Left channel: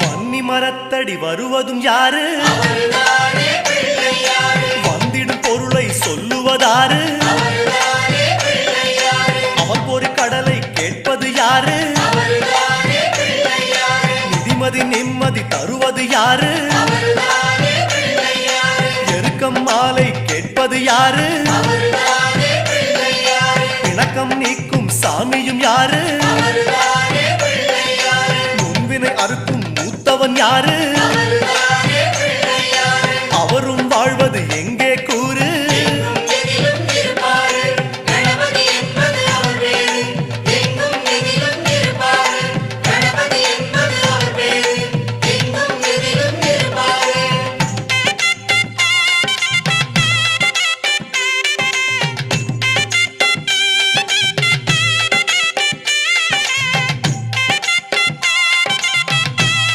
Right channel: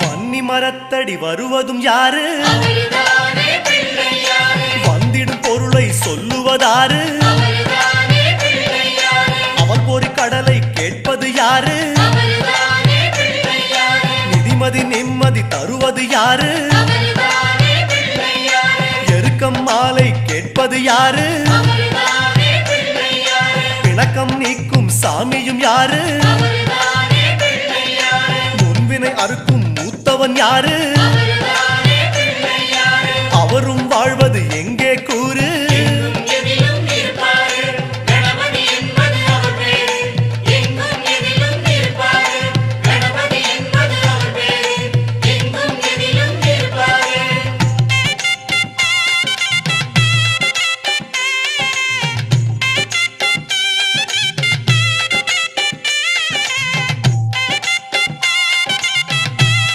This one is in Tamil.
வன்னி மரத்தடி வருவதும் யாரு? வந்திடும் பொருளை சொல்லுவதாரு? அவன் ஒரு கடலை கேட்பது யாரு? நிதிமதி நிம்மதி தருவது யாரு? எருக்கம் மாலை கேட்பது யாரு? பிணக்கம் நீக்கும் சாமியும் யாரு? முன்வினை அறுக்கும் மூத்தவன் யாரு? அவரும் வாழ்வது எங்கே